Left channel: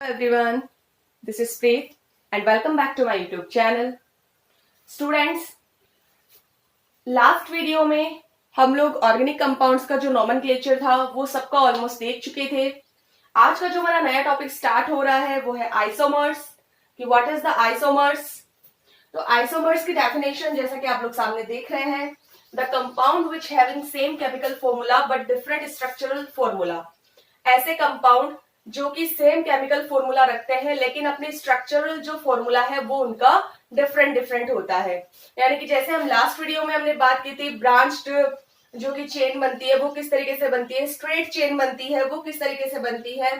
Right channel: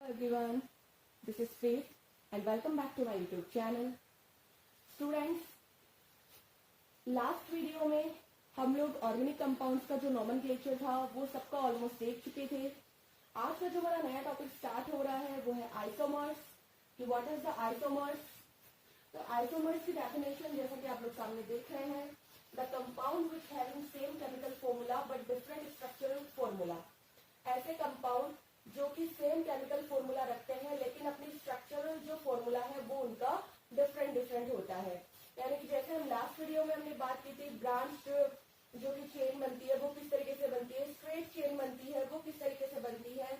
Hello everyone, this is Preet and welcome back to my YouTube channel. Students, last video में हम लोग organic compounds का जो nomenclature था वो सबका ऑलमोस्ट देख चुके थे. आज का जो हमारा नया टॉपिक स्टार्ट हो रहा है वो है आइसोमर्स. कि व्हाट इज द आइसोमर्स. तो आइसोमर्स की डेफिनेशन जैसा कि आप लोग सामने देख रहे हैं, the compound which having same chemical formula but different structural formula. ऐसे कंपाउंड जो कि सेम केमिकल फॉर्मूला रखते हैं लेकिन अपनी स्ट्रक्चरल जो फॉर्मूला है वो उनका डिफरेंट होता है. यानी कि जैसे हम लास्ट वीडियो में हमने बात की थी, ब्रांच्ड जो कि चेन बनती है वो किस तरीके से बनती है, स्ट्रेट चेन बनती है वो किस तरीके से बनती है.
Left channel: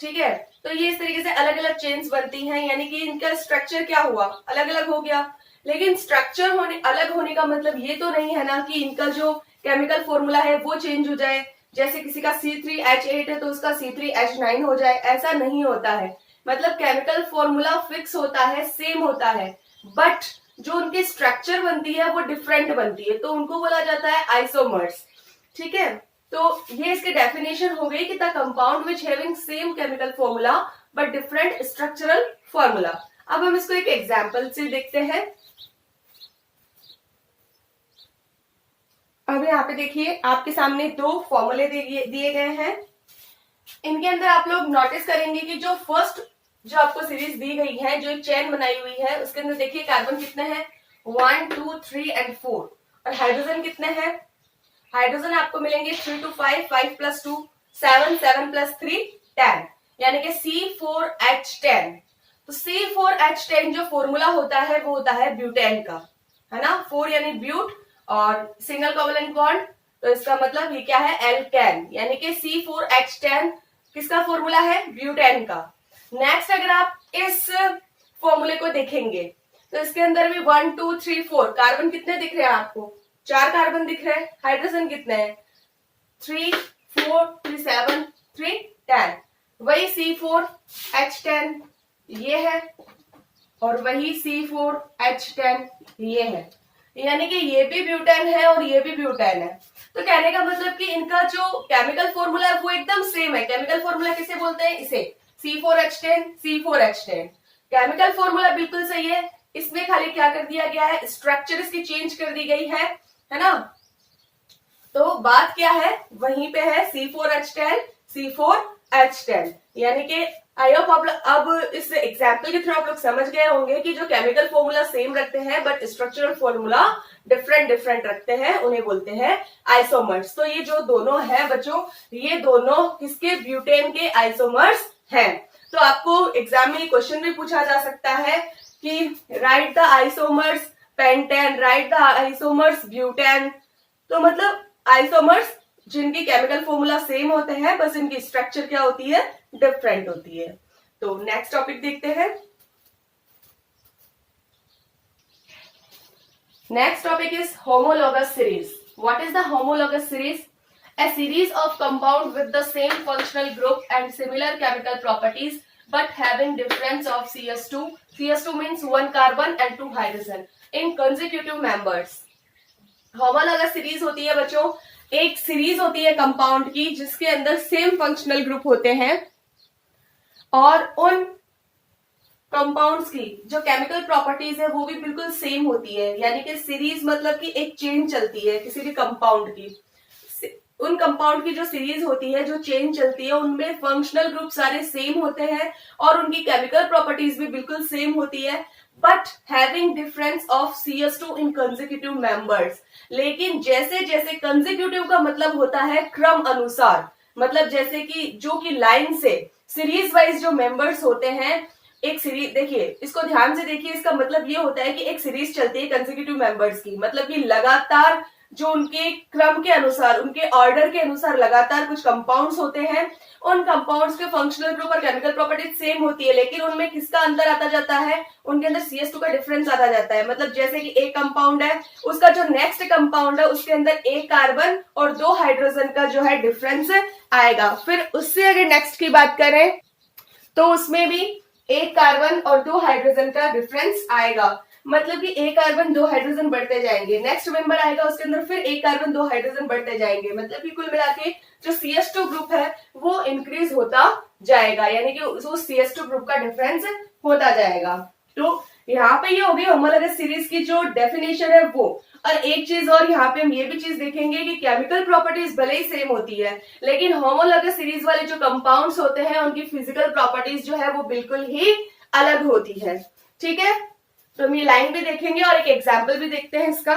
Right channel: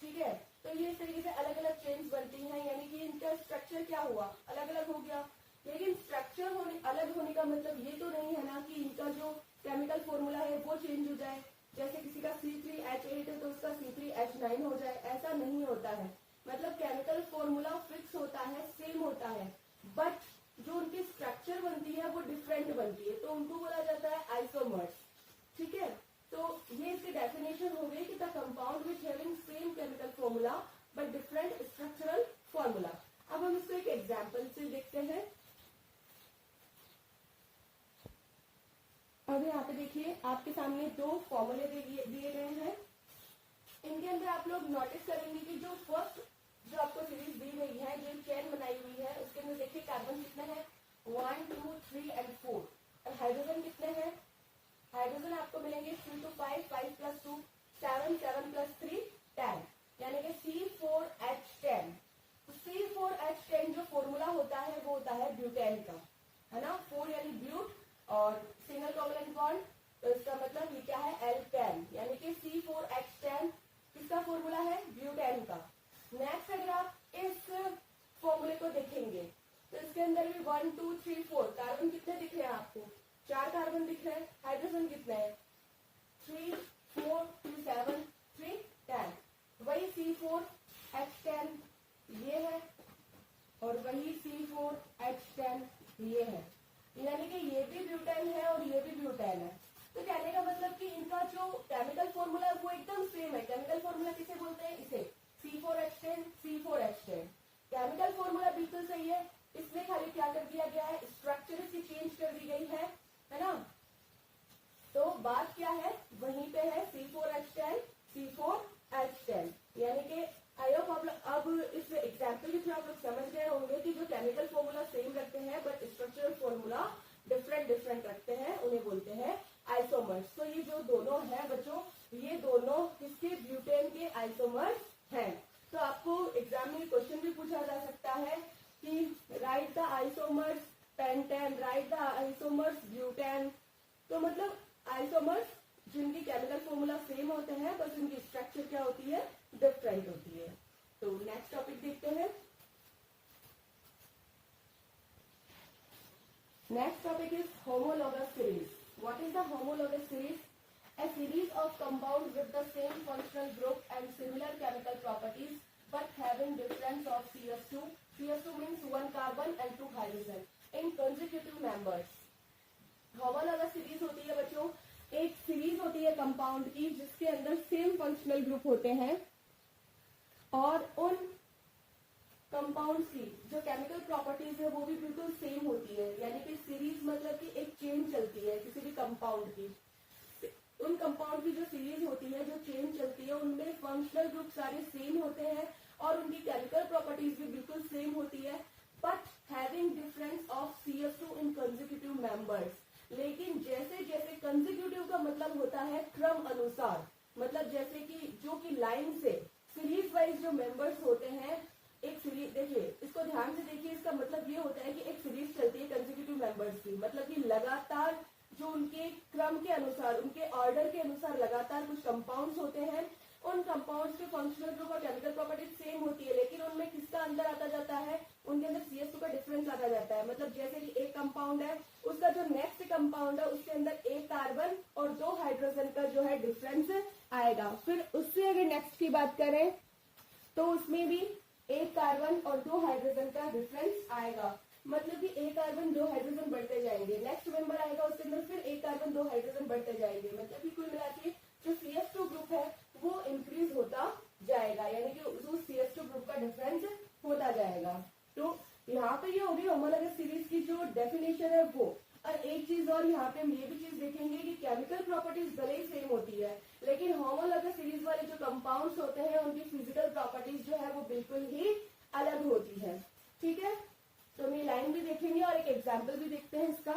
ठीक है, तो ये इस तरीके से अलग अलग चेन्स बनती हैं, यानी कि इनका स्ट्रक्चर क्या हुआ, अलग अलग हो गया. लेकिन स्ट्रक्चर होने अलग होने का मतलब ये तो नहीं है ना कि इनका जो केमिकल फॉर्मूला है वो चेंज हो जाए. जैसे किसी का C3H8 है तो उसका C3H9 हो जाए, ऐसा नहीं होता है. मतलब केमिकल फॉर्मूला फिक्स होता है, सेम होता है, बट जो उनकी स्ट्रक्चर बनती है वो डिफरेंट बनती है, तो उनको बोला जाता है आइसोमर्स. ठीक है, तो ये इसकी डेफिनेशन हो गई कि the compound which having same chemical formula but different structural formula. अब हम इसको एक एग्जांपल से देखते हैं. अब यहाँ पे देखिए आपके सामने दो फॉर्मूले दिए गए हैं. इनके अंदर आप लोग नोटिस करेंगे कि जो फर्स्ट जो आपको सीरीज दी गई है, जो एक चेन बनाई हुई है, उसके अंदर देखिए कार्बन कितने हैं, 1 2 3 एंड 4. और हाइड्रोजन कितने हैं, हाइड्रोजन आपको मिलेंगे 3 to 5, 5 plus 2 7, 7 plus 3 10, यानी कि C4H10. तो C4H10 जो फॉर्मूला होता है वो होता है ब्यूटेन का, है ना. 4 यानी ब्यूट और सिंगल कोवलेंट बॉन्ड, तो इसका मतलब ये क्या है, एल्केन, यानी कि C4H10 किसका फॉर्मूला है, ब्यूटेन का. नेक्स्ट अगर आप इस फॉर्मूले को देखेंगे तो इसके अंदर भी 1 2 3 4 कार्बन कितने दिख रहे हैं आपको, 4 कार्बन दिख रहे हैं. हाइड्रोजन कितने हैं, 3 4 3 7 3 10. वही C4H10 ये है और वही C4H10 ये है, यानी कि ये भी ब्यूटेन है और ये भी ब्यूटेन है. तो कहने का मतलब कि इनका जो केमिकल फॉर्मूला है वो एकदम सेम है. केमिकल फॉर्मूला किसे बोलते हैं, इसे C4H10 C4H10. केमिकल फॉर्मूला बिल्कुल सही है, इसमें खाली क्या कर दिया गया है, स्ट्रक्चर इसकी चेंज कर दी गई है ना. तो बात क्या है, वहीं पे है C4H10 C4H10. यानी कि आई होप आप अब इस एग्जाम्पल के थ्रू आप लोग समझ गए होंगे कि जो केमिकल फॉर्मूला सेम रखते हैं बट स्ट्रक्चरल फॉर्मूला डिफरेंट रखते हैं, उन्हें बोलते हैं आइसोमर्स. तो ये जो दोनों है बच्चों, ये दोनों किसके, ब्यूटेन के आइसोमर्स हैं. तो आपको एग्जाम में क्वेश्चन भी पूछा जा सकता है कि right the isomers pentane, right the isomers butane. तो मतलब आइसोमर्स जिनकी केमिकल फॉर्मूला सेम होते हैं, बस इनकी स्ट्रक्चर क्या होती है, डिफरेंट होती है. तो नेक्स्ट टॉपिक देखते हैं. Next topic is homologous series. What is the homologous series? A series of compound with the same functional group and similar chemical properties but having difference of CS2. CS2 means 1 carbon and 2 hydrogen in consecutive members. Homologous series होती है बच्चों, एक series होती है compound की जिसके अंदर same functional group होते हैं और उन कंपाउंड्स की जो केमिकल प्रॉपर्टीज है वो भी बिल्कुल सेम होती है. यानी कि सीरीज मतलब कि एक चेन चलती है किसी भी कंपाउंड की. उन कंपाउंड की जो सीरीज होती है, जो चेन चलती है, उनमें फंक्शनल ग्रुप सारे सेम होते हैं और उनकी केमिकल प्रॉपर्टीज भी बिल्कुल सेम होती है, but having difference of CS2 in consecutive members. लेकिन जैसे जैसे कंसेक्यूटिव का मतलब होता है क्रम अनुसार, मतलब जैसे कि जो कि लाइन से सीरीज वाइज जो मेंबर्स होते हैं, एक सीरीज देखिए, इसको ध्यान से देखिए, इसका मतलब ये होता है कि एक सीरीज चलती है कंसेक्यूटिव मेंबर्स की, मतलब कि लगातार जो उनके क्रम के अनुसार, उनके ऑर्डर के अनुसार लगातार कुछ कंपाउंड्स होते हैं. उन कंपाउंड्स के फंक्शनल ग्रुप और केमिकल प्रॉपर्टीज सेम होती है, लेकिन उनमें किसका अंतर आता जाता है, उनके अंदर CS2 का डिफरेंस आता जाता है. मतलब जैसे कि एक कंपाउंड है, उसका जो नेक्स्ट कंपाउंड है उसके अंदर एक कार्बन और 2 हाइड्रोजन का जो है डिफरेंस आएगा. फिर उससे अगर नेक्स्ट की बात करें तो उसमें भी एक कार्बन और 2 हाइड्रोजन का डिफरेंस आएगा. मतलब कि एक कार्बन 2 हाइड्रोजन बढ़ते जाएंगे, नेक्स्ट मेंबर आएगा उसके अंदर फिर एक कार्बन 2 हाइड्रोजन बढ़ते जाएंगे. मतलब कि कुल मिला के जो CS2 ग्रुप है वो इंक्रीज होता जाएगा, यानी कि उस CS2 ग्रुप का डिफरेंस होता जाएगा। तो यहाँ पे ये हो गई होमोलॉगस सीरीज की जो डेफिनेशन है वो। और एक चीज और यहाँ पे हम ये भी चीज देखेंगे कि केमिकल प्रॉपर्टीज भले ही सेम होती है, लेकिन होमोलॉगस सीरीज वाले जो कंपाउंड्स होते हैं उनकी फिजिकल प्रॉपर्टीज जो है वो बिल्कुल ही अलग होती है। ठीक है, तो हम ये लाइन भी देखेंगे और एक एग्जाम्पल भी देखते हैं इसका।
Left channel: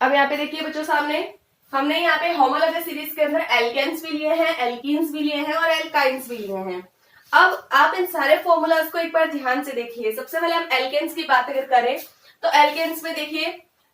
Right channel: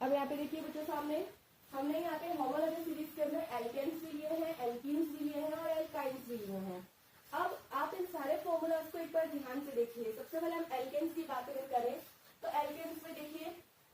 अब यहाँ पे देखिए बच्चों, सामने हमने यहाँ पे होमोलॉगस सीरीज के अंदर एल्केन्स भी लिए हैं, एल्कीन्स भी लिए हैं और एल्काइंस भी लिए हैं। अब आप इन सारे फॉर्मूलाज को एक बार ध्यान से देखिए। सबसे पहले हम एल्केन्स की बात अगर करें तो एल्केन्स में देखिए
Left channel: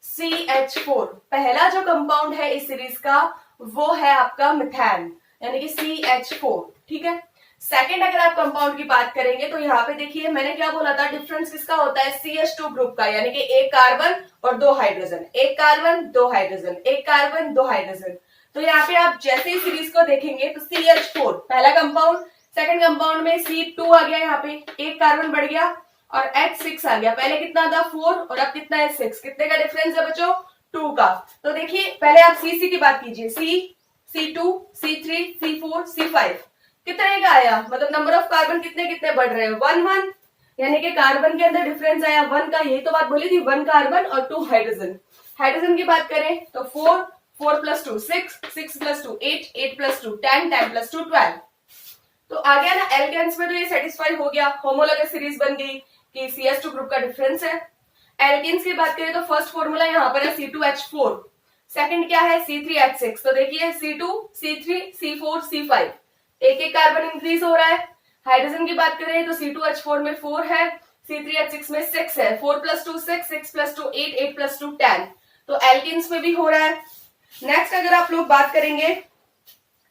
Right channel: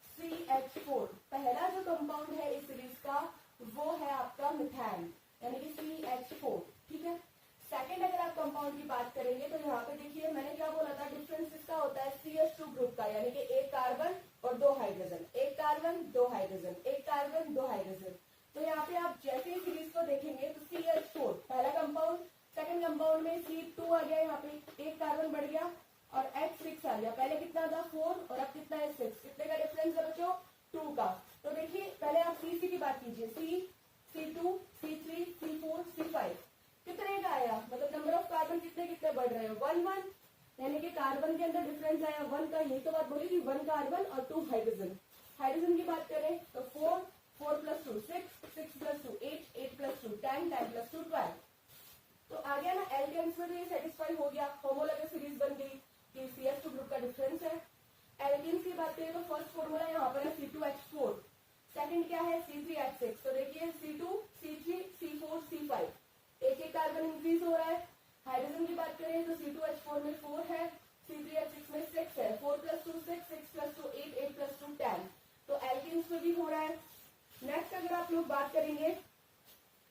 CH4 पहला जो कंपाउंड है इस सीरीज का वो है आपका मिथान, यानी कि CH4। ठीक है, सेकेंड अगर आप कंपाउंड की बात करेंगे तो यहाँ पे देखिए मैंने क्या बोला था, डिफरेंस किसका होता है, CH2 ग्रुप का, यानी कि एक कार्बन और दो हाइड्रोजन, एक कार्बन दो हाइड्रोजन, एक कार्बन दो हाइड्रोजन। तो यहाँ पे आप जैसे ही सीरीज को देखेंगे तो CH4 पहला कंपाउंड, सेकंड कंपाउंड में C2 आ गया, यहाँ पे एक कार्बन बढ़ गया और H6 आ गया। पहले कितना था 4 और अब कितना है 6, कितने का डिफरेंस है बच्चों, 2 का। तो देखिए पहले आप CC की बात कीजिए, C2 C3 C4 C5 कितने का आया, मतलब नंबर ऑफ कार्बन कितने कितने बढ़ रहे हैं, 1 1, यानी कि कार्बन के अंदर डिफरेंस आया 1 का। यही तो बात बोली थी, 1 कार्बन और 2 हाइड्रोजन। हाइड्रोजन की बात करें तो 4 4 + 2 6 6 + 2 8 8 + 2 10 10 + 2 12। तो आ गया ना एल्केन्स में, तो ये सेटिस्फाई हो गया, होमोलॉगस सीरीज बन गई कि CS2 ग्रुप का डिफरेंस है। एल्केन्स की बात करें तो फर्स्ट फॉर्मूला यहाँ पर है C2H4, सेकंड क्या है C3H6। तो देखिए C2 C3 C4 C5 एक एक कार्बन इंक्रीज हो रहा है। हाइड्रोजन की बात करें तो C2H4 में 4 है, C3H6 में 6 है, 4 + 2 6 6 + 2 8 8 + 2 10। तो एल्केन्स में भी हो रहा है। नेक्स्ट अगर आप लोग बात करेंगे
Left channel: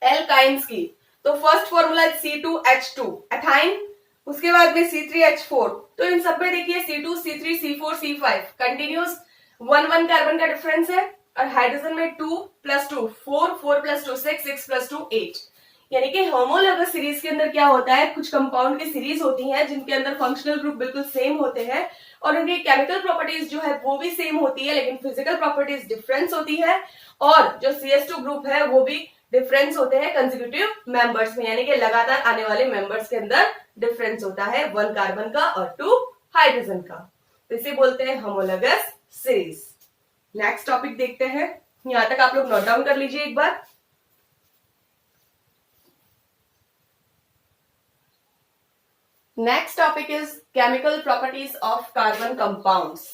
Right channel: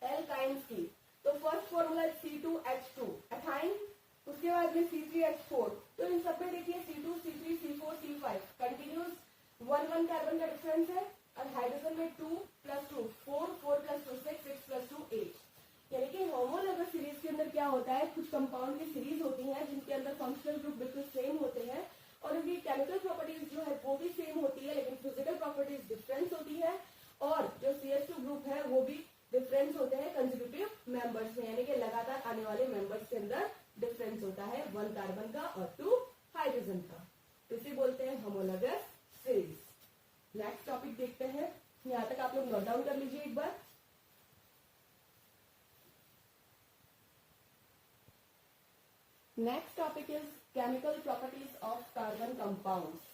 एल्काइंस की तो फर्स्ट फॉर्मूला C2H2 एथाइन, उसके बाद में C3H4। तो इन सब में देखिए C2 C3 C4 C5 continuous 1 1 carbon का डिफरेंस है। और हाइड्रोजन में 2 + 2 4 4 + 2 6 6 + 2 8। यानी कि होमोलॉगस सीरीज के अंदर क्या होता है, कुछ कंपाउंड की सीरीज होती हैं जिनके अंदर फंक्शनल ग्रुप बिल्कुल सेम होते हैं और उनकी केमिकल प्रॉपर्टीज जो है वो भी सेम होती है, लेकिन फिजिकल प्रॉपर्टीज डिफरेंस होती है। और जो CS2 ग्रुप है वो भी डिफरेंस होते हैं कंसेक्यूटिव मेंबर्स में, यानी कि लगातार आने वाले मेंबर्स के अंदर डिफरेंस होता है 1 कार्बन का और 2 हाइड्रोजन का। तो इसे बोलते हैं होमोलॉगस सीरीज। नेक्स्ट टॉपिक देखते हैं, यहां तक आप लोग नोट डाउन कर लीजिए एक बार। Next topic is chemical properties of carbon compounds.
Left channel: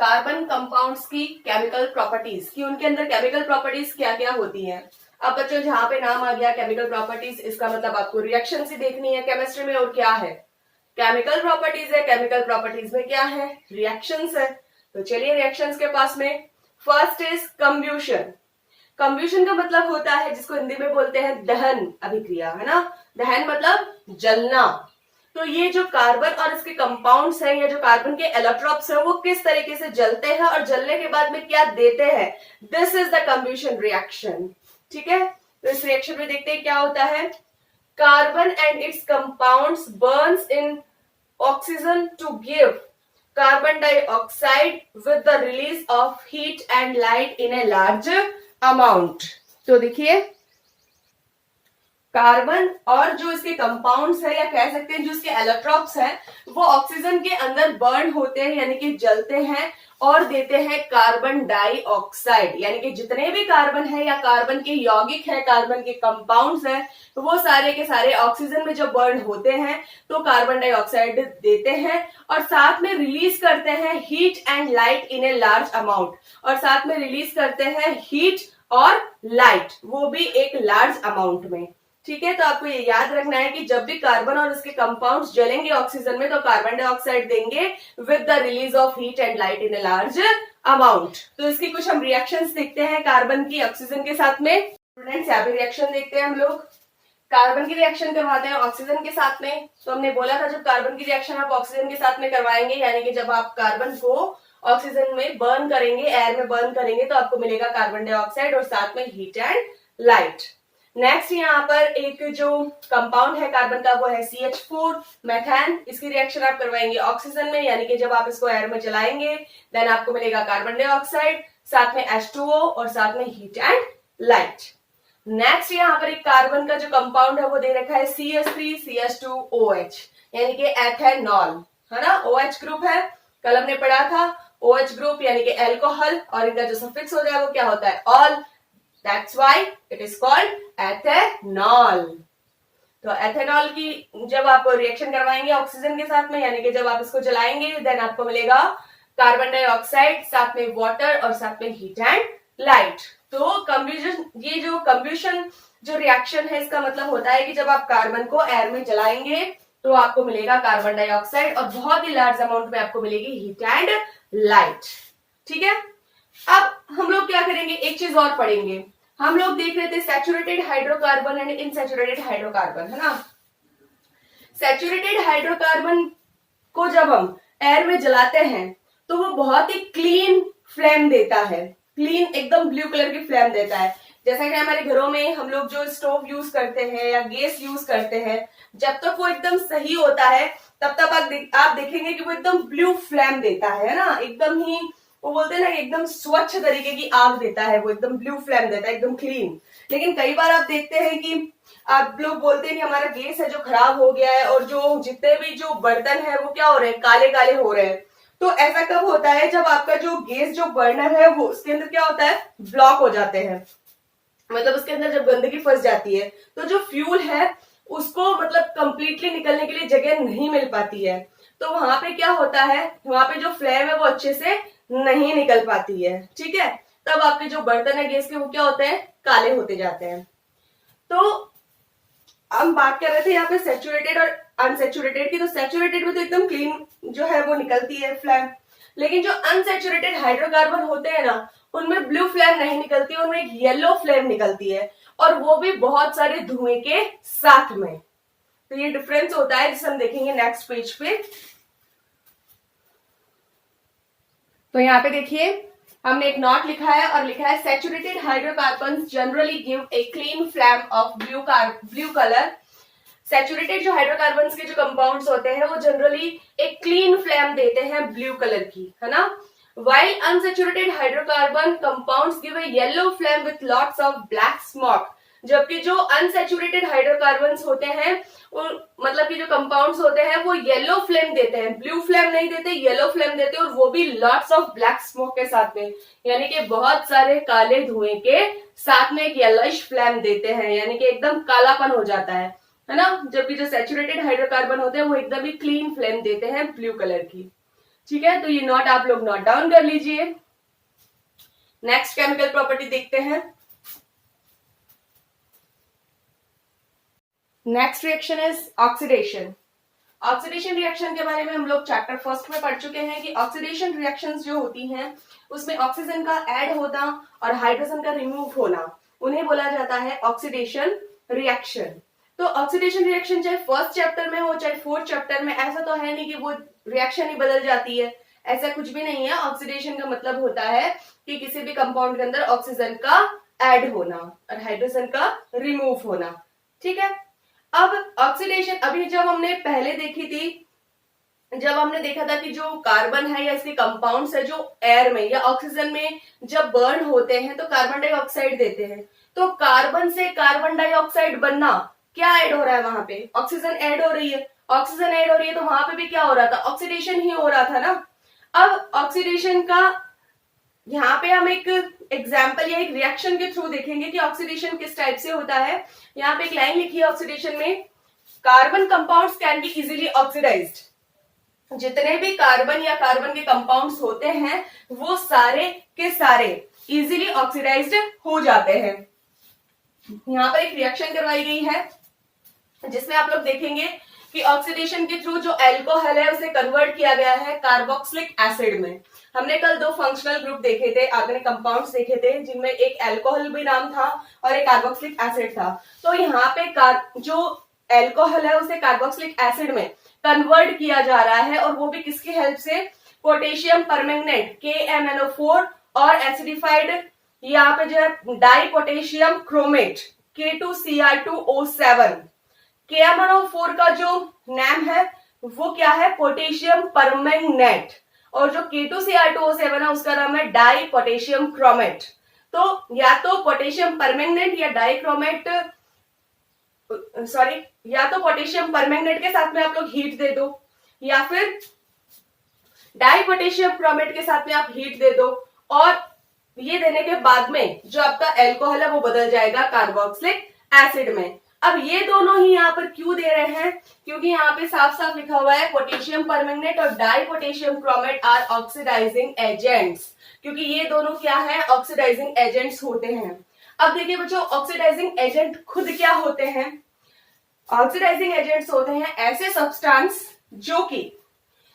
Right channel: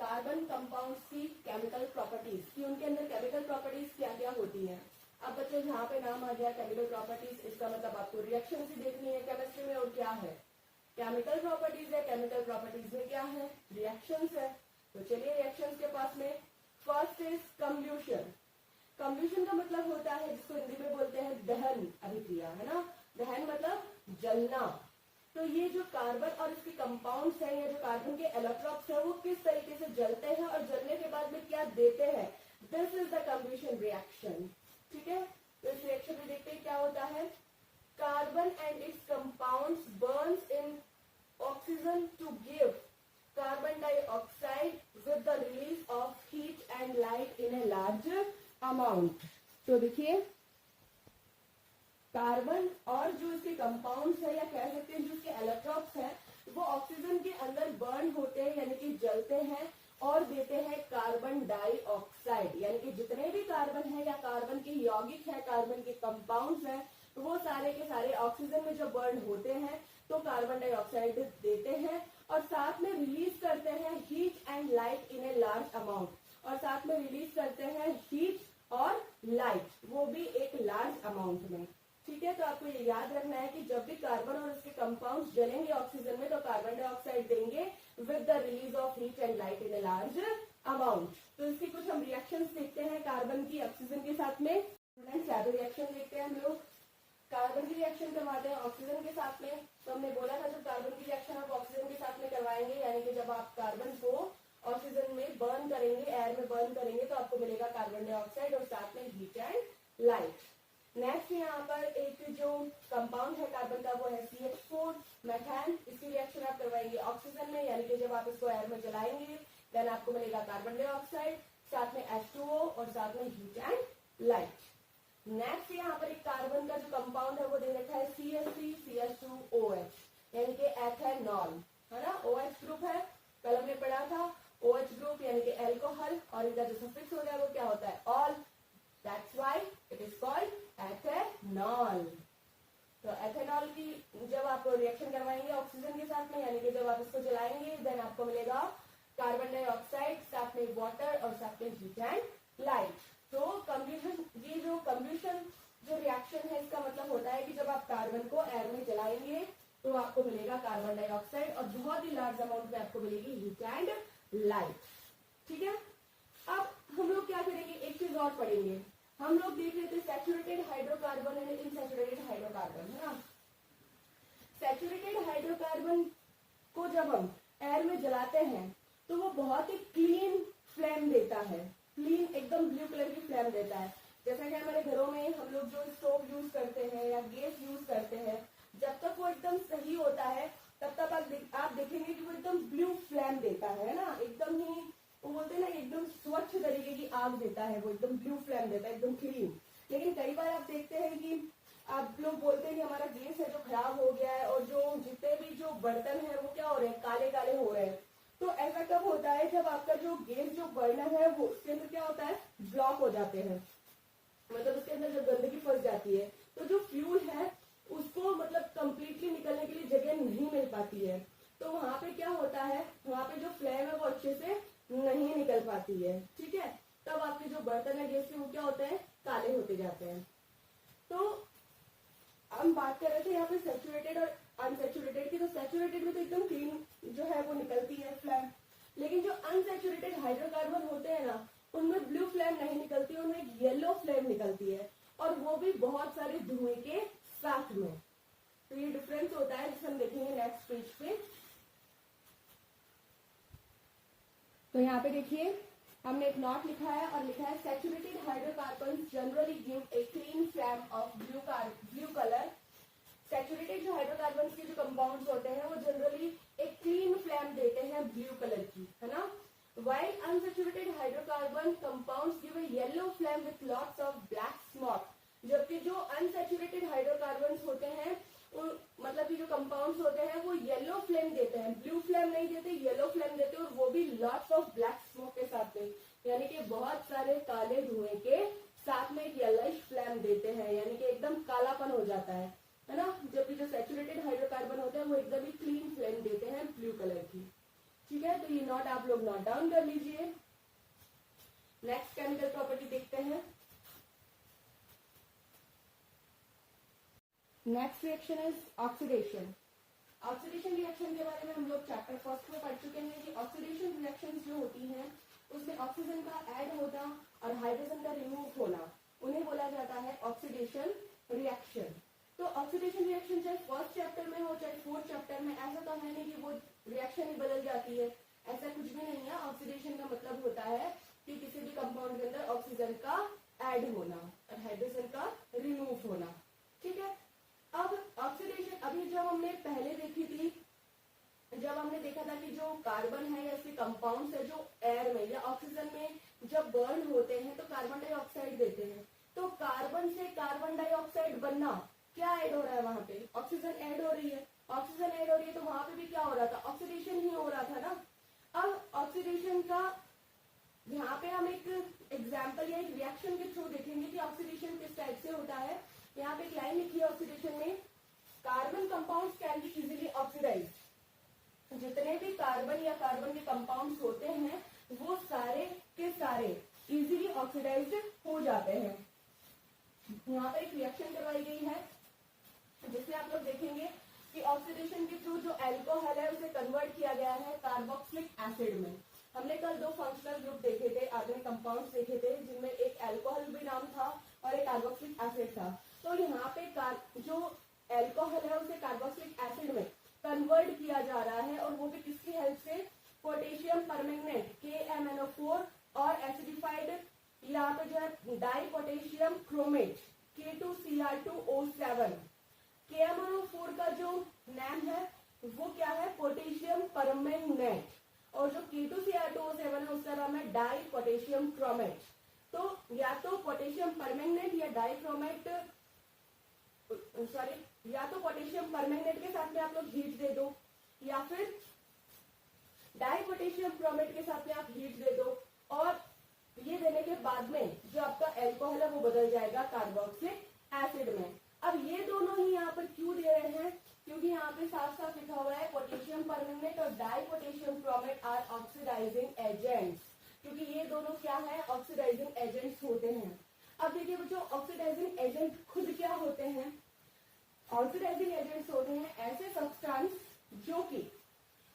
Carbon compounds की केमिकल प्रॉपर्टीज की उनके अंदर केमिकल प्रॉपर्टीज क्या क्या होती हैं। अब बच्चों जहां पे नाम आ गया केमिकल प्रॉपर्टीज, इसका मतलब आपको रिएक्शन ही देखनी है केमिस्ट्री में। और क्या है, केमिकल प्रॉपर्टीज है, केमिकल प्रॉपर्टीज में क्या है, रिएक्शंस है। तो चलिए रिएक्शंस के पास में फर्स्ट इज कंब्यूशन। कंब्यूशन का मतलब होता है जिसको हिंदी में बोलते हैं दहन अभिक्रिया, है ना। दहन मतलब जलना। तो ये जो कार्बन और इसके कंपाउंड्स हैं या जो कार्बन के एलोट्रोप्स हैं वो किस तरीके से जलते हैं और जलने के बाद में क्या देते हैं, दिस इज द कंब्यूशन रिएक्शन। ठीक है, तो इस रिएक्शन में देखते हैं क्या होता है। Carbon and its compounds burns in oxygen to give carbon dioxide with the release of heat and light in a large amount. तो देखिए कार्बन और जो इसके कंपाउंड्स है या कह सकते हैं जो इसके एलोट्रोप्स हैं वो ऑक्सीजन के अंदर बर्न होते हैं, यानी कि जलते हैं और देते हैं कार्बन डाइऑक्साइड। यानी कि जितने भी कार्बन है या कार्बन के यौगिक है, कार्बन के कंपाउंड्स है, तो वो सारे के सारे ऑक्सीजन में जब बर्न होते हैं तो कार्बन डाइऑक्साइड देते हैं और साथ में रिलीज करते हैं heat and light in a large amount. और साथ में रिलीज करते हैं हीट और लाइट, वो भी एक लार्ज अमाउंट में। ठीक है, तो आपको ये याद रखना है कि जब भी कार्बन और इसके कंपाउंड्स जलेंगे ऑक्सीजन में तो कार्बन डाइऑक्साइड देंगे with the release of heat and light in a large amount. तो इसकी कुछ हम रिएक्शंस देखते हैं कार्बन की ऑक्सीजन के साथ में। स्टूडेंट्स यहाँ पे रिएक्शन देखते हैं हम लोग। कार्बन की रिएक्शन करवाते हैं ऑक्सीजन के साथ में। तो हमने बोला था जब कार्बन की रिएक्शन आप ऑक्सीजन के साथ में करवाएंगे, यानी कि जब आप कार्बन को ऑक्सीजन में बर्न करेंगे, एयर में बर्न करेंगे, तो आपको मिलेगा कार्बन डाइऑक्साइड और साथ में हीट एंड लाइट। नेक्स्ट यहाँ पर एक जो कंपाउंड है कार्बन का वो है CH4 मेथान। इसकी रिएक्शन आप करवाएंगे ऑक्सीजन में, यानी कि जब आप इसको एयर में जलाएंगे देन आपको मिलेगा कार्बन डाइऑक्साइड, साथ में H2O और साथ में हीट एंड लाइट। नेक्स्ट यहाँ पर एक कार्बन का जो कंपाउंड है वो दे रखा है CH3CH2OH, यानी कि एथेनॉल, है ना। OH ग्रुप है, कल हमने पढ़ा था OH ग्रुप यानी कि एल्कोहल, और इनका जो सफिक्स हो जाए वो क्या होता है, all, that's why it is called ethanol. तो एथेनॉल की जब आप रिएक्शन करवाएंगे ऑक्सीजन के साथ में, यानी कि जब आप इसको जलाएंगे, देन आपको मिलेगा कार्बन डाइऑक्साइड, साथ में वाटर और साथ में हीट एंड लाइट। तो कंब्यूजन, ये जो कंब्यूशन जो रिएक्शन है, इसका मतलब होता है कि जब आप कार्बन को एयर में जलाएंगे तो आपको मिलेगा कार्बन डाइऑक्साइड, और बहुत ही लार्ज अमाउंट में आपको मिलेगी हीट एंड लाइट। ठीक है, अब हम लोग क्या करेंगे, एक चीज और पढ़ेंगे। हम लोग देख रहे थे सैचुरेटेड हाइड्रोकार्बन एंड इनसैचुरेटेड हाइड्रोकार्बन, है ना। सैचुरेटेड हाइड्रोकार्बन को जब हम एयर में जलाते हैं तो वो बहुत ही क्लीन फ्लेम देता है, क्लीन एकदम ब्लू कलर की फ्लेम देता है। जैसा कि हमारे घरों में हम लोग जो स्टोव यूज करते हैं या गैस यूज करते हैं, जब तक वो एकदम सही होता है तब तक आप देखेंगे कि वो एकदम ब्लू फ्लेम देता है ना, एकदम ही वो बोलते हैं ना एकदम स्वच्छ तरीके की आग देता है, वो एकदम ब्लू फ्लेम देता है, एकदम क्लीन। लेकिन कई बार आप देखते हैं कि आप लोग बोलते हैं कि हमारा गैस है जो खराब हो गया है, और जो जितने भी जो बर्तन है वो क्या हो रहे हैं, काले काले हो रहे हैं। तो ऐसा कब होता है, जब आपका जो गैस जो बर्नर है वो उसके अंदर क्या होता है, ब्लॉक हो जाते हैं, मतलब उसके अंदर जब गंदगी फंस जाती है तो जो फ्यूल है उसको मतलब कंप्लीटली निकलने के लिए जगह नहीं मिल पाती है। तो वहां पे क्या होता है, वहां पे जो फ्लेम है वो अच्छे से नहीं निकल पाती है। ठीक है, तब आपके जो बर्तन है गैस के वो क्या होते हैं, काले होते जाते हैं। तो हम बात कर रहे थे यहाँ पे सैचुरेटेड और अनसैचुरेटेड की। तो सैचुरेटेड में तो एकदम क्लीन जो है वो निकलती है फ्लेम, लेकिन जो अनसैचुरेटेड हाइड्रोकार्बन होते हैं ना, उनमें ब्लू फ्लेम नहीं निकलती, उनमें एक येलो फ्लेम निकलती है, और वो भी बहुत सारे धुएं के साथ में। तो ये डिफरेंस होता है जिसे हम देखेंगे नेक्स्ट पेज पे। तो यहाँ पे देखिए हमने एक नोट लिखा है और लिखा है saturated hydrocarbons generally give a clean flame of blue colour. Saturated जो हाइड्रोकार्बन्स के जो कंपाउंड्स होते हैं वो जनरली एक क्लीन फ्लेम देते हैं ब्लू कलर की, है ना। While unsaturated hydrocarbon compounds give a yellow flame with lots of black smoke, जबकि जो अनसेचुरेटेड हाइड्रोकार्बन्स होते हैं मतलब कि जो कंपाउंड्स होते हैं वो येलो फ्लेम देते हैं, ब्लू फ्लेम नहीं देते, येलो फ्लेम देते हैं, और वो भी लॉट्स ऑफ ब्लैक स्मोक के साथ में, यानी कि बहुत सारे काले धुएं के साथ में एक येलोइश फ्लेम देते हैं, यानी कि एकदम कालापन हो जाता है ना। जबकि जो सैचुरेटेड हाइड्रोकार्बन होते हैं वो एकदम ही क्लीन फ्लेम देते हैं ब्लू कलर की। ठीक है, तो ये नोट आप लोग नोट डाउन कर लीजिए। नेक्स्ट केमिकल प्रॉपर्टी देखते हैं। Next reaction is oxidation. Oxidation reaction के बारे में हम लोग चैप्टर फर्स्ट में पढ़ चुके हैं कि ऑक्सीडेशन रिएक्शंस जो होती हैं उसमें ऑक्सीजन का ऐड होना और हाइड्रोजन का रिमूव होना, उन्हें बोला जाता है ऑक्सीडेशन रिएक्शन। तो ऑक्सीडेशन रिएक्शन चाहे फर्स्ट चैप्टर में हो चाहे फोर्थ चैप्टर में, ऐसा तो है नहीं कि वो रिएक्शन ही बदल जाती है, ऐसा कुछ भी नहीं है। ऑक्सीडेशन का मतलब होता है कि किसी भी कंपाउंड के अंदर ऑक्सीजन का ऐड होना और हाइड्रोजन का रिमूव होना। ठीक है, अब ऑक्सीडेशन अभी जब हमने पहले देखी थी, जब हमने देखा था कि जो कार्बन है या इसके कंपाउंड्स है जो एयर में या ऑक्सीजन में जब बर्न होते हैं तो कार्बन डाइऑक्साइड देते हैं। तो कार्बन से कार्बन डाइऑक्साइड बनना, क्या ऐड हो रहा है वहां पे, ऑक्सीजन ऐड हो रही है। ऑक्सीजन ऐड हो रही है तो वहां पे भी क्या हो रहा था, ऑक्सीडेशन ही हो रहा था ना। अब ऑक्सीडेशन का यहाँ पे हम एक एग्जाम्पल या एक रिएक्शन के थ्रू देखेंगे कि ऑक्सीडेशन किस टाइप से होता है। यहाँ पे एक लाइन लिखी है ऑक्सीडेशन में, carbon compounds can be easily oxidised. जितने भी कार्बन या कार्बन के कंपाउंड्स होते हैं वो सारे के सारे इजीली ऑक्सीडाइज्ड हो जाते हैं। यहाँ पर एक रिएक्शन करवाई गई है जिसमें आप लोग देखेंगे कि ऑक्सीडेशन के थ्रू जो एल्कोहल है उसे कन्वर्ट किया गया है कार्बोक्सिलिक एसिड में। हमने कल दो फंक्शनल ग्रुप देखे थे, आपने कंपाउंड्स देखे थे जिनमें एक एल्कोहल भी नाम था और एक कार्बोक्सिलिक एसिड था। तो यहाँ पे जो एल्कोहल है उसे कार्बोक्सिलिक एसिड में कन्वर्ट किया जा रहा है, और वो भी किसकी हेल्प से, पोटेशियम परमैंगनेट KMnO4 और एसिडिफाइड यहाँ पे जो है die potassium chromate K2Cr2O7। KMnO4 का जो नाम है वो क्या है, पोटेशियम परमैंगनेट, और जो K2Cr2O7 है उसका नाम है डाई पोटेशियम क्रोमेट। तो या तो पोटेशियम परमैंगनेट या डाइक्रोमेट, सॉरी, या तो पोटेशियम परमैंगनेट के साथ में आप लोग हीट दे दो, या फिर डाई पोटेशियम क्रोमेट के साथ में आप हीट दे दो, और ये देने के बाद में जो आपका एल्कोहल है वो बदल जाएगा कार्बोक्सिलिक एसिड में। अब ये दोनों ही यहाँ पर क्यों दे रहे हैं, क्योंकि यहाँ पे साफ साफ लिखा हुआ है पोटेशियम परमैंगनेट और di potassium chromate are oxidising agents, क्योंकि ये दोनों क्या है, ऑक्सीडाइजिंग एजेंट्स होते हैं। अब देखिए बच्चों, ऑक्सीडाइजिंग एजेंट खुद क्या होते हैं? ऑक्सीडाइजिंग एजेंट्स होते हैं ऐसे सब्सटेंस जो कि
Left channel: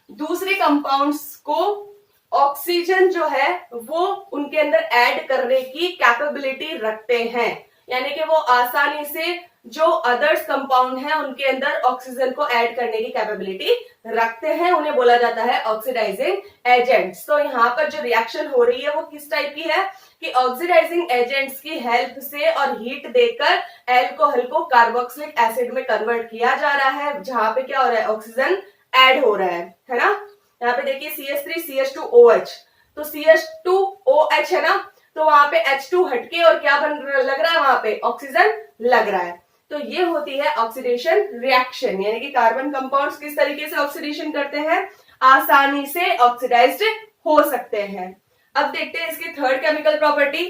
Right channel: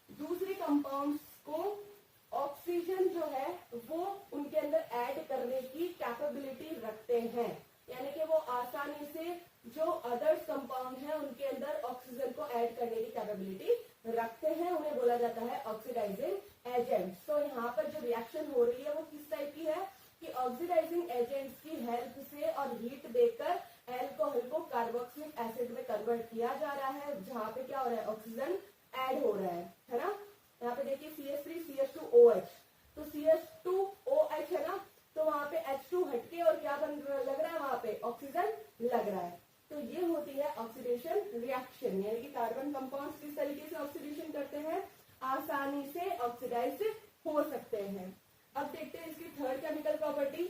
दूसरे कंपाउंड्स को ऑक्सीजन जो है वो उनके अंदर ऐड करने की कैपेबिलिटी रखते हैं, यानी कि वो आसानी से जो अदर्स कंपाउंड है उनके अंदर ऑक्सीजन को ऐड करने की कैपेबिलिटी रखते हैं, उन्हें बोला जाता है ऑक्सीडाइजिंग एजेंट्स। तो यहाँ पर जो रिएक्शन हो रही है वो किस टाइप की है कि ऑक्सीडाइजिंग एजेंट्स की हेल्प से और हीट देकर एल्कोहल को कार्बोक्सिलिक एसिड में कन्वर्ट किया जा रहा है, जहां पे क्या हो रहा है, ऑक्सीजन ऐड हो रहा है ना। यहाँ पे देखिए CH3CH2OH, तो CH2OH है ना, तो वहां पे H2 हटके और क्या लग रहा है, वहां पे ऑक्सीजन लग रहा है। तो ये होती है ऑक्सीडेशन रिएक्शन, यानी कि कार्बन कंपाउंड्स किस तरीके से ऑक्सीडेशन करते हैं, आसानी से ऑक्सीडाइज्ड हो सकते हैं। अब देखते हैं इसकी third chemical property.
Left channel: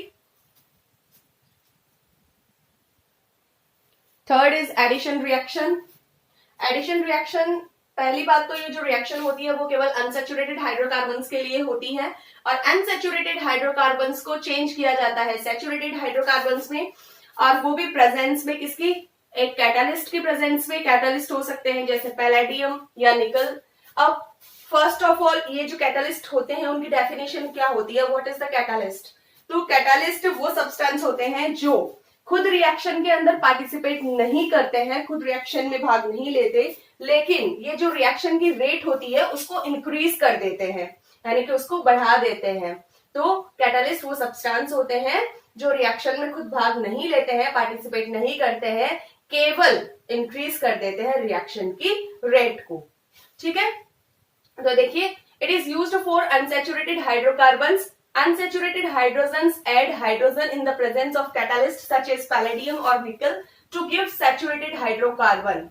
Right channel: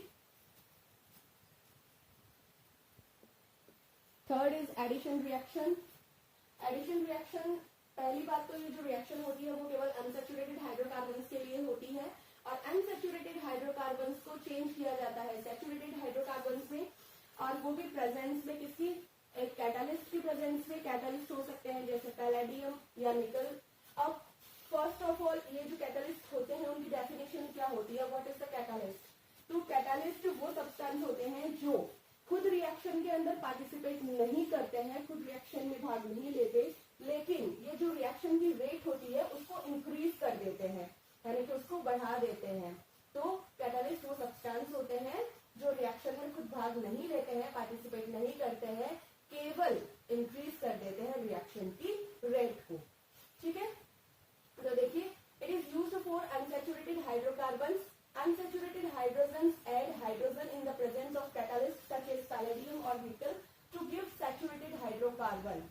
Third is addition reaction. Addition reaction, पहली बात तो ये जो रिएक्शन होती है वो केवल अनसैचुरेटेड हाइड्रोकार्बन्स के लिए होती है, और अनसैचुरेटेड हाइड्रोकार्बन्स को चेंज किया जाता है सैचुरेटेड हाइड्रोकार्बन्स में, और वो भी प्रेजेंस में किसकी, एक कैटालिस्ट की प्रेजेंस में। कैटालिस्ट हो सकते हैं जैसे पैलेडियम या निकल। अब फर्स्ट ऑफ ऑल ये जो कैटालिस्ट होते हैं उनकी डेफिनेशन क्या होती है, व्हाट इज द कैटालिस्ट? तो कैटालिस्ट वो सब्सटेंस होते हैं जो खुद रिएक्शन के अंदर पार्टिसिपेट नहीं करते हैं, खुद रिएक्शन में भाग नहीं लेते, लेकिन ये जो रिएक्शन की रेट होती है उसको इंक्रीज कर देते हैं, यानी कि उसको बढ़ा देते हैं। तो कैटालिस्ट वो सब्सटेंस होते हैं जो रिएक्शन में खुद भाग नहीं लेते हैं, पार्टिसिपेट नहीं करते हैं, केवल इंक्रीज कर देते हैं रिएक्शन की रेट को। ठीक है, तो देखिए, it is used for unsaturated hydrocarbons. Unsaturated hydrogens add hydrogen in the presence of catalysts such as palladium or nickel to give saturated hydrocarbon।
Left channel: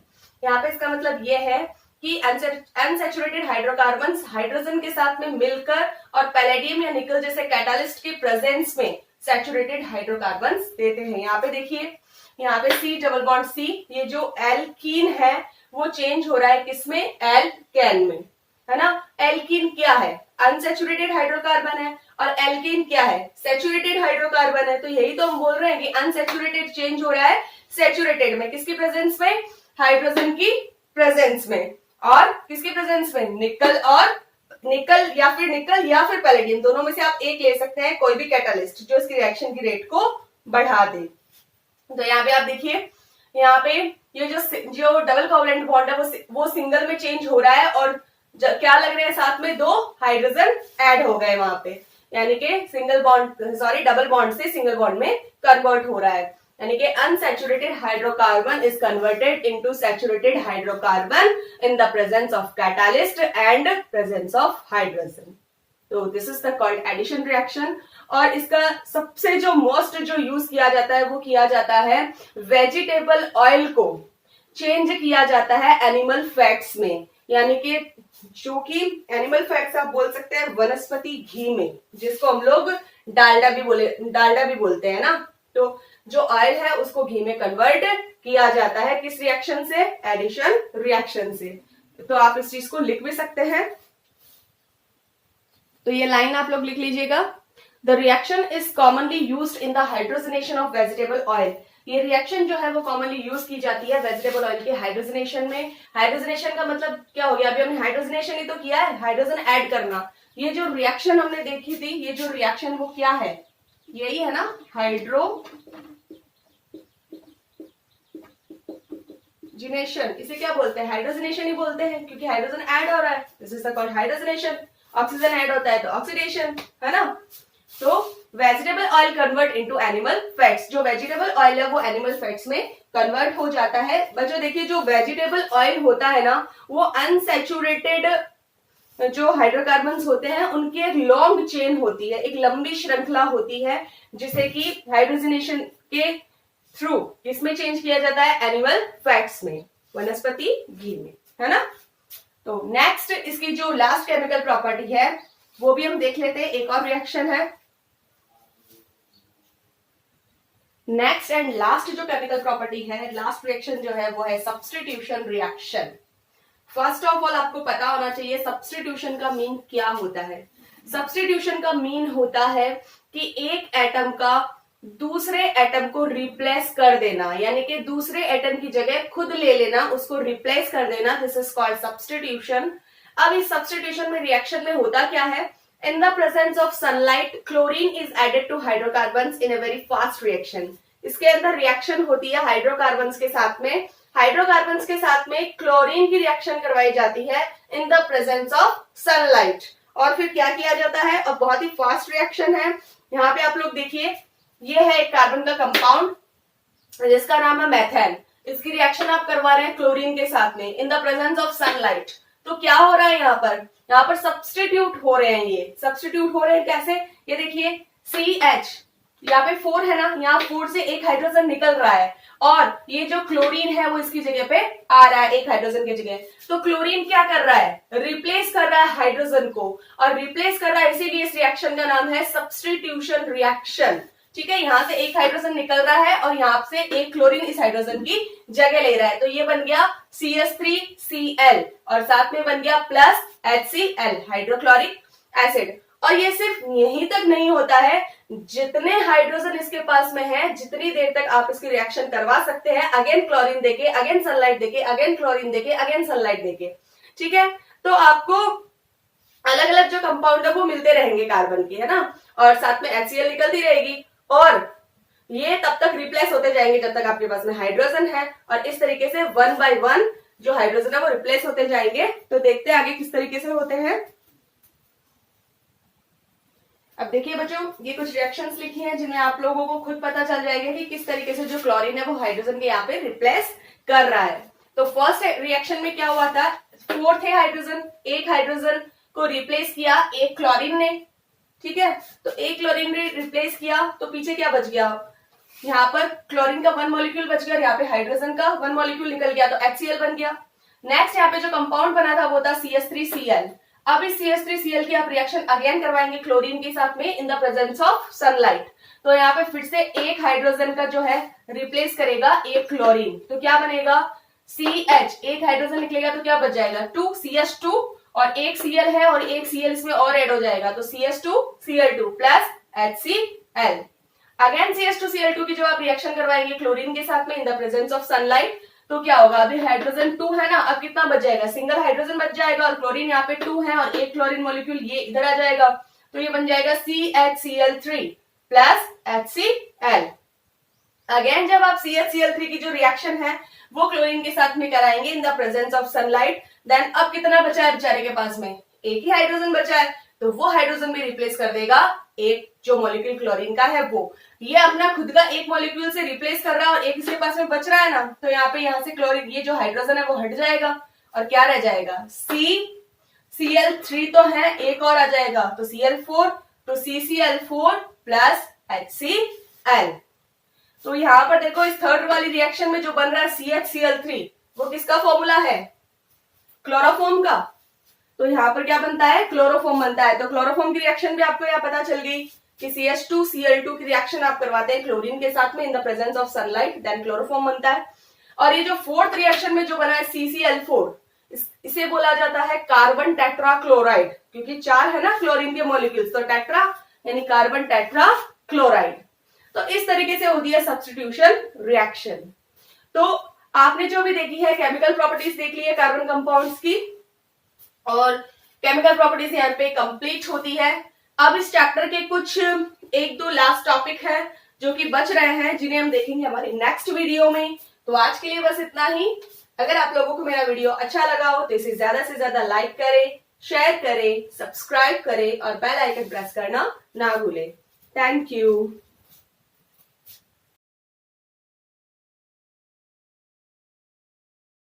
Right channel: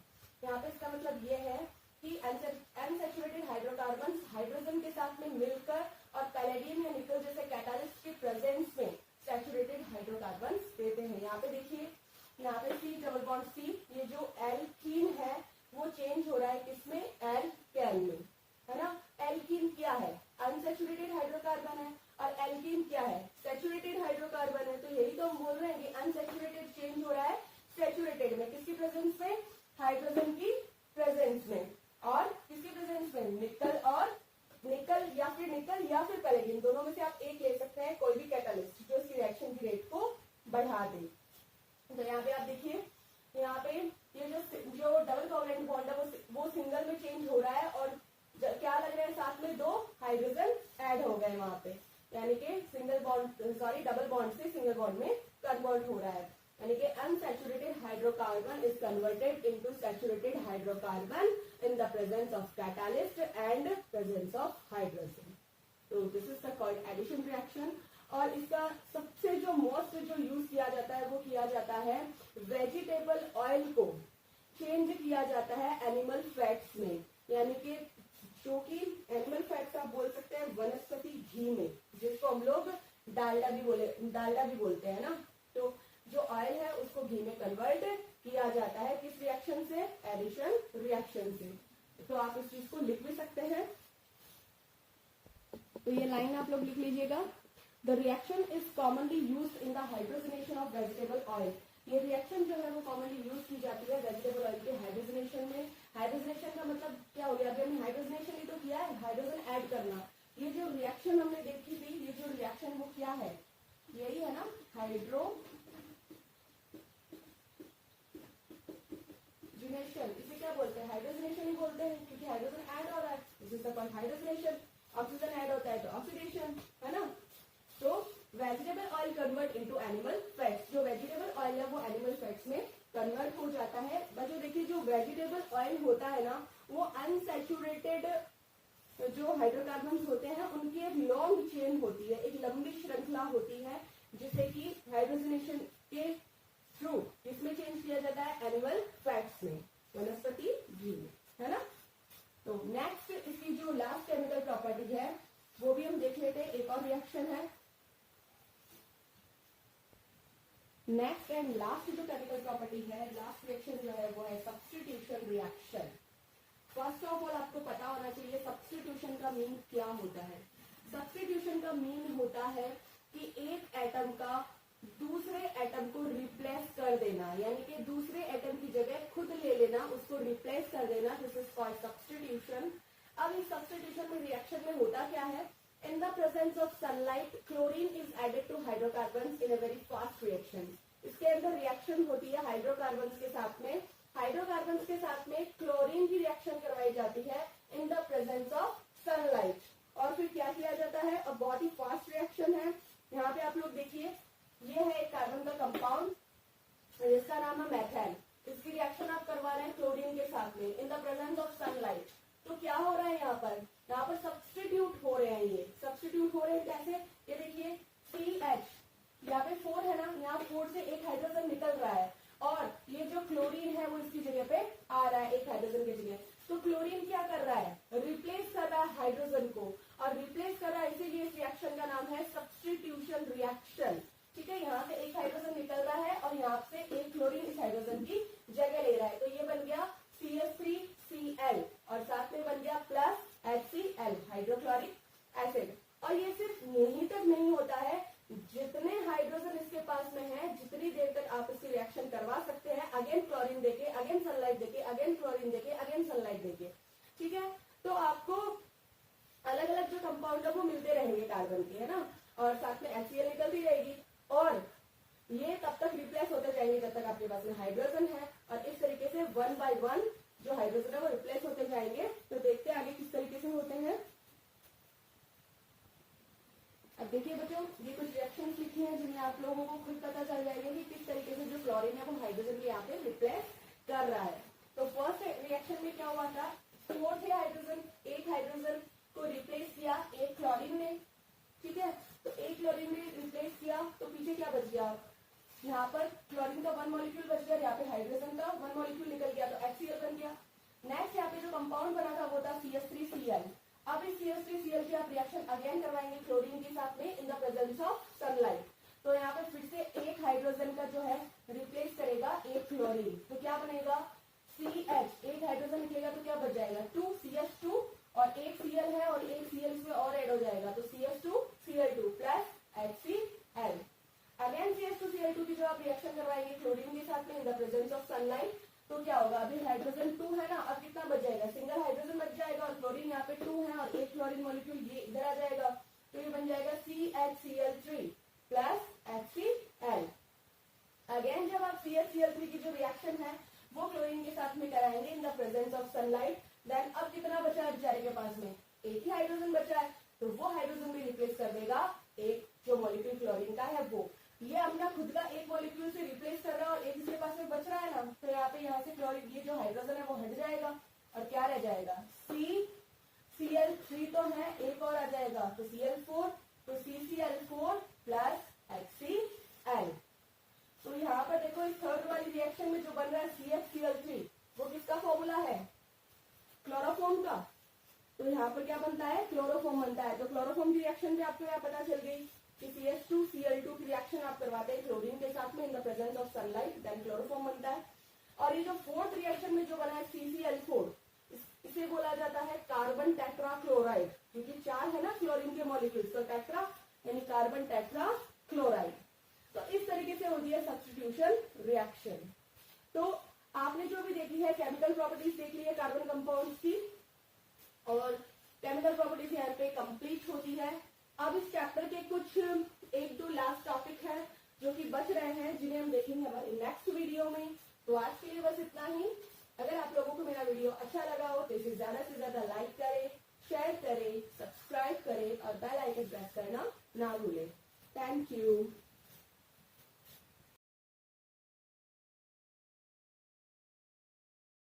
यहाँ पे इसका मतलब ये है कि अनसैचुरेटेड हाइड्रोकार्बन्स हाइड्रोजन के साथ में मिलकर और पैलेडियम या निकल जैसे कैटालिस्ट की प्रेजेंस में सैचुरेटेड हाइड्रोकार्बन्स देते हैं। यहाँ पे देखिए, यहाँ पे C डबल बॉन्ड C, ये जो एल्कीन है वो चेंज हो रहा है किसमें, एल्केन में, है ना। एल्कीन क्या है, अनसैचुरेटेड हाइड्रोकार्बन है, और एल्कीन क्या है, सैचुरेटेड हाइड्रोकार्बन है। तो यही तो हम बोल रहे हैं कि अनसैचुरेटेड चेंज हो रहा है सैचुरेटेड में, किसकी प्रेजेंस में, हाइड्रोजन की प्रेजेंस में, और किसकी प्रेजेंस में, निकल, और निकल या फिर पैलेडियम, दोनों में से आप एक ले सकते हैं, कोई भी कैटालिस्ट जो इसकी रिएक्शन की रेट को बढ़ा दे। तो यहाँ पे आप देखिए, यहाँ पे ये जो डबल कोवलेंट बॉन्ड है वो सिंगल में चेंज हो रहा है, और क्या लग रहे हैं, साथ में दो हाइड्रोजन ऐड हो गए वहां पे, यानी कि डबल बॉन्ड से सिंगल बॉन्ड में कन्वर्ट हो रहा है, यानी कि unsaturated hydrocarbon is converted into saturated hydrocarbon in the presence of catalyst and presence of hydrogen. तो this is the called addition reaction. और इसका सबसे जो मोस्ट जो यूज किया जाता है वो किया जाता है वेजिटेबल ऑयल को चेंज किया जाता है एनिमल फैट्स में, यानी कि जो कि एनिमल फैट्स आप बोल सकते हैं वनस्पति घी में, जिसको हम लोग डालडा भी बोलते हैं ना। तो जो ऑयल है उसको घी में कन्वर्ट किया जाता है, किस रिएक्शन से, एडिशन रिएक्शन से। तो आप इस चीज को लिख भी सकते हैं, तो ये लाइन आप लोग लिख लीजिएगा। The reaction is commonly used in the hydrogenation of vegetable oil. ये रिएक्शन जो है वो कॉमनली यूज की जाती है वेजिटेबल ऑयल के हाइड्रोजनेशन में। हाइड्रोजनेशन का मतलब क्या हो गया, अभी हमने हाइड्रोजनेशन ही तो किया है, हाइड्रोजन ऐड करना। ये जो रिएक्शन हमने देखी थी, ये जो रिएक्शन वो क्या है, यही है ना, हाइड्रोजनेशन। इसे क्या बोलते हैं, हाइड्रोजनेशन ही बोलते हैं, क्योंकि हाइड्रोजन ऐड हो रहा है, this is the called hydrogenation. Oxygen add होता है तो ऑक्सीडेशन, है ना। तो vegetable oil convert into animal fats, जो वेजिटेबल ऑयल है वो एनिमल फैट्स में कन्वर्ट हो जाता है। बच्चों देखिए, जो वेजिटेबल ऑयल होता है ना वो अनसैचुरेटेड जो हाइड्रोकार्बन्स होते हैं उनकी एक लॉन्ग चेन होती है, एक लंबी श्रृंखला होती है, जिसे कि हाइड्रोजनेशन के थ्रू किसमें चेंज किया जाता है, एनिमल फैट्स में, वनस्पति घी में, है ना। तो नेक्स्ट इसकी जो लास्ट केमिकल प्रॉपर्टी है वो भी हम देख लेते हैं। एक और रिएक्शन है, नेक्स्ट एंड लास्ट जो केमिकल प्रॉपर्टी है, लास्ट रिएक्शन जो है वो है substitution reaction. First of all आपको पता होना चाहिए सब्स्टिट्यूशन का मीन क्या होता है। सब्स्टिट्यूशन का मीन होता है कि एक एटम का दूसरे एटम को रिप्लेस कर देना, यानी कि दूसरे एटम की जगह खुद ले लेना, उसको रिप्लेस कर देना। This is called substitution. अब इस सब्स्टिट्यूशन में रिएक्शन में होता क्या है, in the presence of sunlight chlorine is added to hydrocarbons in a very fast reaction. इसके अंदर रिएक्शन होती है हाइड्रोकार्बन्स के साथ में, हाइड्रोकार्बन्स के साथ में क्लोरीन की रिएक्शन करवाई जाती है in the presence of sunlight. और फिर क्या किया जाता है, और बहुत ही फास्ट रिएक्शन है। यहाँ पे आप लोग देखिए, ये है एक कार्बन का कंपाउंड जिसका नाम है मेथेन। इसकी रिएक्शन आप करवा रहे हैं क्लोरीन के साथ में in the presence of sunlight. तो क्या हो रहा है यहाँ पर सब्स्टिट्यूट हो रहे हैं। ये सब्स्टिट्यूट हो रहे हैं कैसे, ये देखिए CH, यहाँ पे 4 है ना, यहाँ 4 से एक हाइड्रोजन निकल रहा है और ये जो क्लोरीन है वो इसकी जगह पे आ रहा है एक हाइड्रोजन की जगह। तो क्लोरीन क्या कर रहा है, रिप्लेस कर रहा है हाइड्रोजन को, और रिप्लेस कर रहा है, इसीलिए इस रिएक्शन का नाम है सब्स्टिट्यूशन रिएक्शन। ठीक है, यहाँ से एक हाइड्रोजन निकल रहा है और यहाँ से एक क्लोरीन इस हाइड्रोजन की जगह ले रहा है। तो ये बन गया CH3Cl और साथ में बन गया प्लस HCl, हाइड्रोक्लोरिक एसिड। और ये सिर्फ यहीं तक नहीं होता है, जितने हाइड्रोजन इसके पास में है, जितनी देर तक आप इसकी रिएक्शन करवा सकते हैं, अगेन क्लोरीन देके, अगेन सनलाइट देके, अगेन क्लोरीन देके, अगेन सनलाइट देके। ठीक है, तो आपको अलग अलग जो कंपाउंड है वो मिलते रहेंगे कार्बन की, है ना, और साथ में HCl निकलती रहेगी और ये तब तक रिप्लेस होते जाएंगे जब तक आपके पास में हाइड्रोजन है। और इस तरीके से 1 by 1 जो हाइड्रोजन है वो रिप्लेस होते जाएंगे। तो देखते हैं आगे किस तरीके से होते हैं। अब देखिए बच्चों, ये कुछ रिएक्शंस लिखी हैं जिनमें आप लोगों को खुद पता चल जाएगा कि किस तरीके से जो क्लोरीन है वो हाइड्रोजन के यहाँ पे रिप्लेस कर रहा है। तो फर्स्ट रिएक्शन में क्या हुआ था, 4 थे हाइड्रोजन, एक हाइड्रोजन को रिप्लेस किया एक क्लोरीन ने। ठीक है, तो एक क्लोरीन ने रिप्लेस किया तो पीछे क्या बच गया, यहाँ पर क्लोरीन का 1 मॉलिक्यूल बच गया और यहाँ पे हाइड्रोजन का 1 मॉलिक्यूल निकल गया, तो HCl बन गया। नेक्स्ट यहाँ पे जो कंपाउंड बना था वो था CH3Cl। अब इस CH3Cl की आप रिएक्शन अगेन करवाएंगे क्लोरीन के साथ में in the presence of sunlight. तो यहाँ पे फिर से एक हाइड्रोजन का जो है रिप्लेस करेगा एक क्लोरीन, तो क्या बनेगा CH, एक हाइड्रोजन निकलेगा तो क्या बच जाएगा 2 CH2, और एक Cl है और एक Cl इसमें और ऐड हो जाएगा, तो CH2Cl2 plus HCl। Again CH2Cl2 की जो आप रिएक्शन करवाएंगे क्लोरीन के साथ में in the presence of sunlight, तो क्या होगा, अभी हाइड्रोजन 2 है ना, अब कितना बच जाएगा, सिंगल हाइड्रोजन बच जाएगा और क्लोरीन यहाँ पे 2 है और एक क्लोरीन मॉलिक्यूल ये इधर आ जाएगा, तो ये बन जाएगा CHCl3 प्लस HCl। अगेन जब आप CHCl3 की जो रिएक्शन है वो क्लोरीन के साथ में कराएंगे in the presence of sunlight, then अब कितना बचा है बेचारे के पास में, एक ही हाइड्रोजन बचा है, तो वो हाइड्रोजन भी रिप्लेस कर देगा एक जो मॉलिक्यूल क्लोरीन का है वो। ये अपना खुद का एक मॉलिक्यूल से रिप्लेस कर रहा है और एक इसके पास में बच रहा है ना, तो यहाँ से क्लोरीन ये जो हाइड्रोजन है वो हट जाएगा और क्या रह जाएगा CCl3 तो है, एक और आ जाएगा तो Cl4, तो CCl4 प्लस HCl। तो यहाँ पर देखो इस थर्ड वाली रिएक्शन में जो बन रहा है CHCl3 वो किसका फॉर्मूला है, क्लोरोफॉर्म का। तो यहाँ पर क्या बनता है, क्लोरोफॉर्म बनता है। तो क्लोरोफॉर्म की रिएक्शन भी आपको यहाँ पता चल गई कि CH2Cl2 की रिएक्शन आप करवाते हैं क्लोरीन के साथ में in the presence of sunlight, then chloroform बनता है। और ये जो फोर्थ रिएक्शन में जो बना है CCl4, इसे बोला जाता है कार्बन टेट्रा क्लोराइड, क्योंकि 4 है ना क्लोरीन के मॉलिक्यूल्स, तो टेट्रा यानी कार्बन टेट्रा क्लोराइड। तो इस तरीके से होती है सब्स्टिट्यूशन रिएक्शन। तो आपने जो भी देखी है केमिकल प्रॉपर्टीज देख ली है कार्बन कंपाउंड्स की, और केमिकल प्रॉपर्टीज यहाँ पे कंप्लीट होती है। अब इस चैप्टर के कुछ 1-2 लास्ट टॉपिक है जो कि बच रहे हैं, जिन्हें हम देखेंगे हमारे नेक्स्ट वीडियो में। तो आज के लिए बस इतना ही। अगर आप लोगों को मेरा वीडियो अच्छा लगा हो तो इसे ज्यादा से ज्यादा लाइक करें, शेयर करें, सब्सक्राइब करें और बेल आइकन प्रेस करना ना भूलें। Thank you.